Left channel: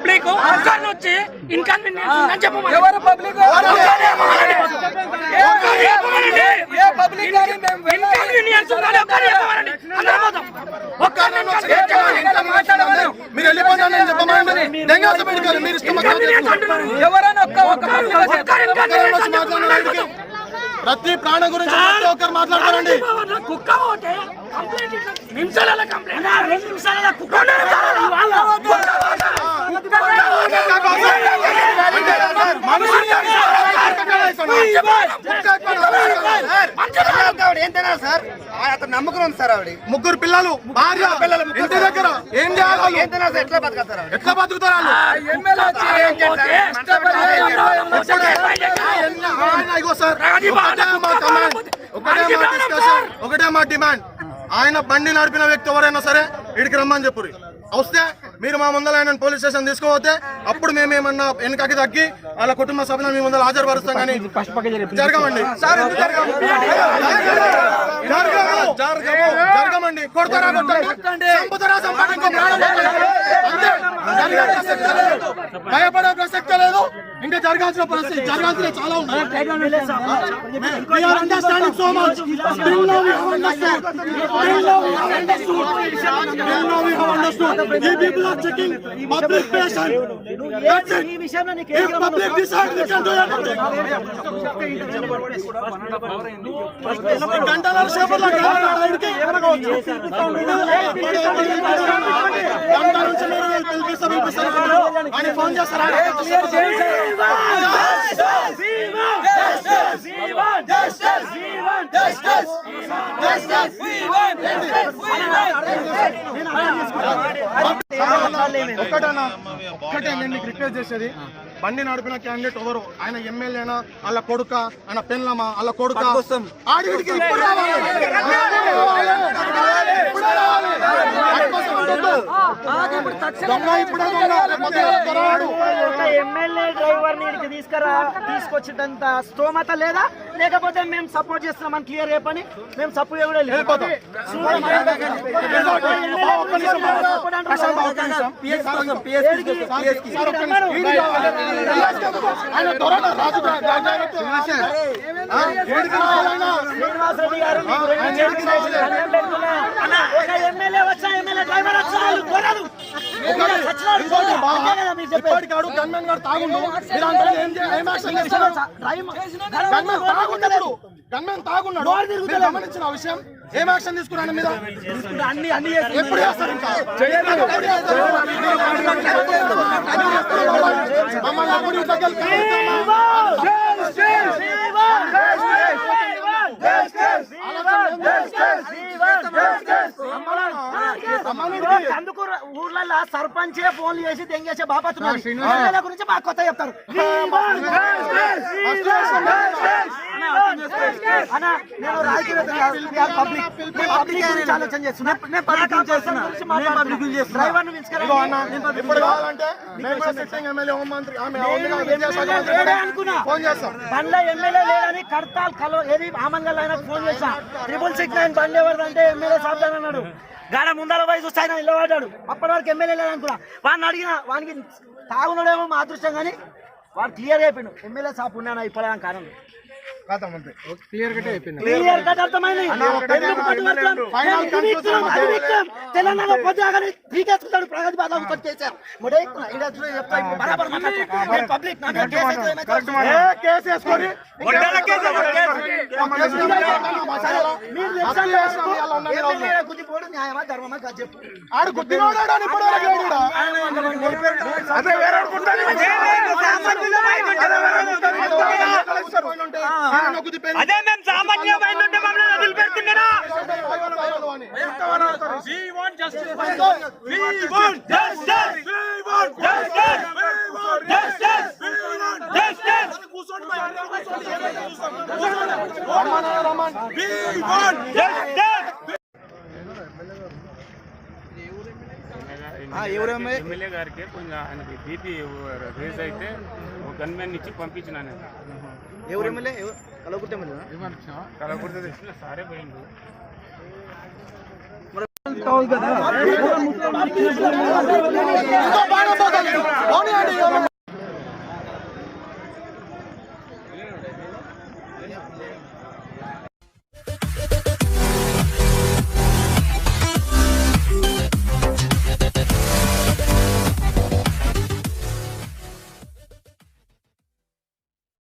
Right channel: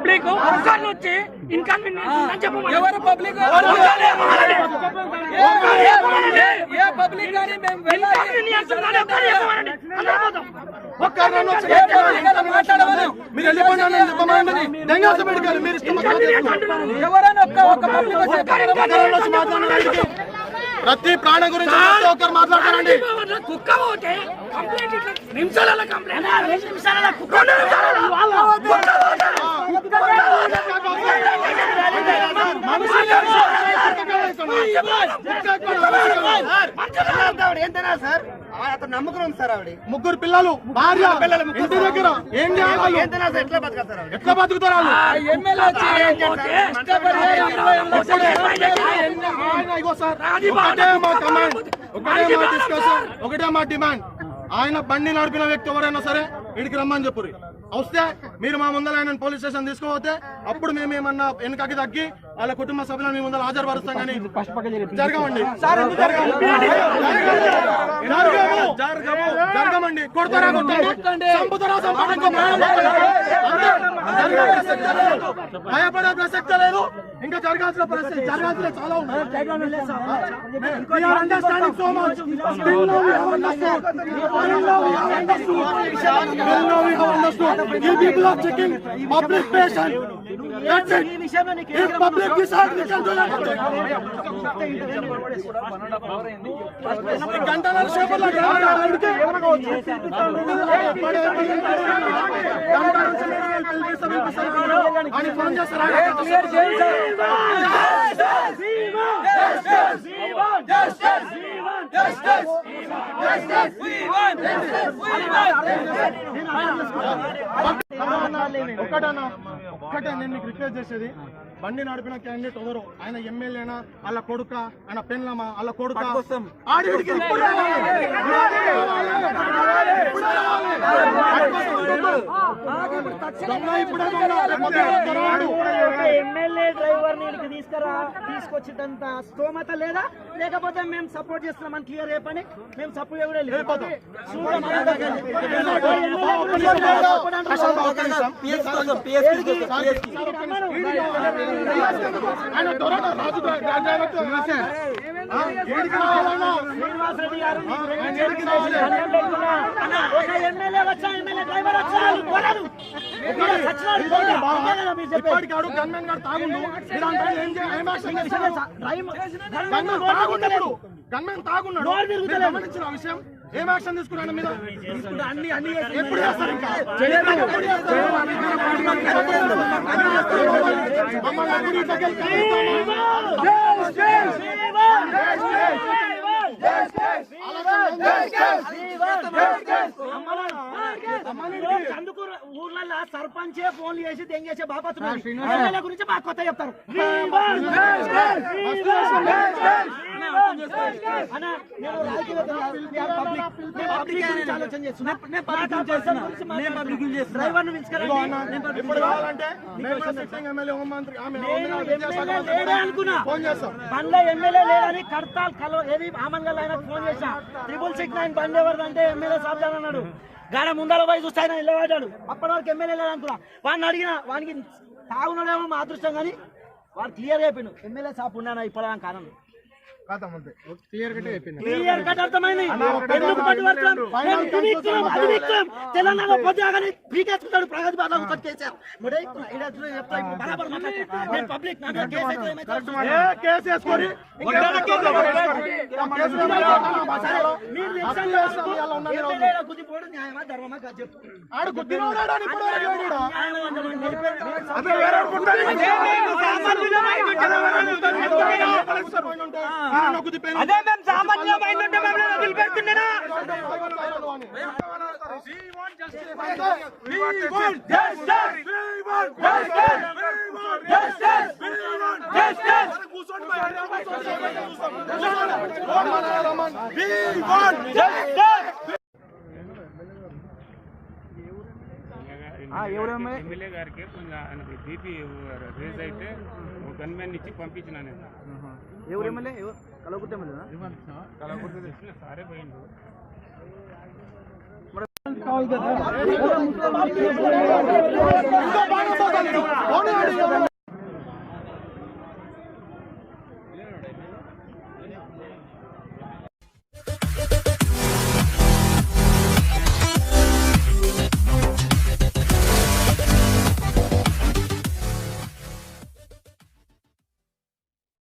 Public వచ్చి inconvenience అని చెప్పమని ఎవరు పబ్లిక్ మీరు వెళ్ళిపోయినా చెప్పమండి దెంగాస పెట్టుకోవాలి మీరు ఇష్టం ఎవరైనా మాట్లాడారు ప్రతి ప్రాణం గురించి ప్రతి ఒక్కరు మాట్లాడతారండి కుక్క పోతే కంప్లైంట్ నిమిషాల కంప్లైంట్ 2 నిమిషాల కుక్క సార్ అతను నమ్మకం ఉంది సార్. ఆవిడ ముగ్గురు పిల్లలు భార్య పిల్లలు ఇంటి దగ్గర ఏం చేయాలి ఎట్లా బతుకుతారు ఎట్లా బతుకుతారు ఒకటే మా డిమాండ్ ఆయన బండి నడిపిన వ్యక్తి ఎవరైనా సరే ఇడికి రమ్మని చెప్పు వస్తే మీరు మా ముందర ఆయన పోలీస్ స్టేషన్ తీసుకుపోతే అప్పుడు మేమేమన్నా వెనకకి తగ్గి వాళ్ళ కుటుంబ సభ్యులను మీ ముందర హాజరుపరుస్తాం. కానీ జరగమండి జరగమండి కొడతారా కొట్టండి చంపుతారా చంపండి ఇంకో భయపడే ప్రసక్తే లేదు. ఇంకా జరగాల్సిన పరిస్థితి జరగాల్సిన చాలా ఉన్నాయి. You people are checking public patient. That's it. If public decide, we can do it. గంటల సేపట్లో అని ఫోన్ చేస్తారా? ఒక్కటే నేను మీకు రిక్వెస్ట్ చేసేది, బండి నడిపిన క్యాండిడేట్ ఎవరు, ఆయన ఎమ్మెల్యేనా, వాళ్ళ కొడుక, ఆయన పెన్లమా, వాళ్ళ కొడుక, ఆడికి ఇప్పుడు ఎమ్మెల్యే డ్రైవర్ ని తీసుకొచ్చేటంత స్తోమత లేదా, లేకపోతే మేము సపోర్ట్ చేస్తున్నామని క్లియర్ చెప్పని మేము సపోర్ట్ కూడా లేదు. ఎమ్మెల్యే వచ్చా ఎమ్మెల్యే డ్రైవర్ వచ్చా గమనించిన విషయం ఏం యాక్షన్ తీసుకున్నాను మీద అన్ని ఎప్పుడు చేస్తారు? ఇంకా మమ్మల్ని ఎప్పుడు అందుకు ఊర్లలో సర్పంచే ఫోన్లు చేసి దెంగేసే బాపత్తున్నారు గురించి బాగా కొత్త చెప్తారు. నేను రాజకీయ ఆలోచన చేస్తున్నా. బండ్ల ఎమ్మెల్యే లేదని కడతాల్ ఏది ఆమంగల్ ఆయన ఫోన్ చేశా. 669 బండి ఎవరిదంటే ఎమ్మెల్యే సాబ్ అన్నాడు. గాడ ముందర పోయి చూస్తే ఆయన నిలబడ్డాడు. అప్పటి వరకు ఎమ్మెల్యే లేదనుకున్నా. వాడిని అడిగిన వానికి తాగున్నాడేమో మా అదృష్టం కానీ వాడు క్లియర్ అయిపోయిండు ఎమ్మెల్యే సాబ్ ఉన్నాను ఇప్పటిదాకా కారణం తెలంగాణ పొద్దుగానే పీకేసుకుంటాడు. ప్రగతి బాధ చేశారు. న్యాయమా ధర్మమా చెప్పు. అదే మేము సామాన్యమైన మమ్మల్ని వదిలిపెడుతున్నారా? ఎమ్మెల్యే గారికి కొంచెం ఆయనకి బీపీ రేజ్ అయితే ఒక గన్మెన్ ఇచ్చి పంపించిన నేను. ఎవరు ఎమ్మెల్యే? కలవకుర్తి కలవకుర్తి సారే పోయిండు.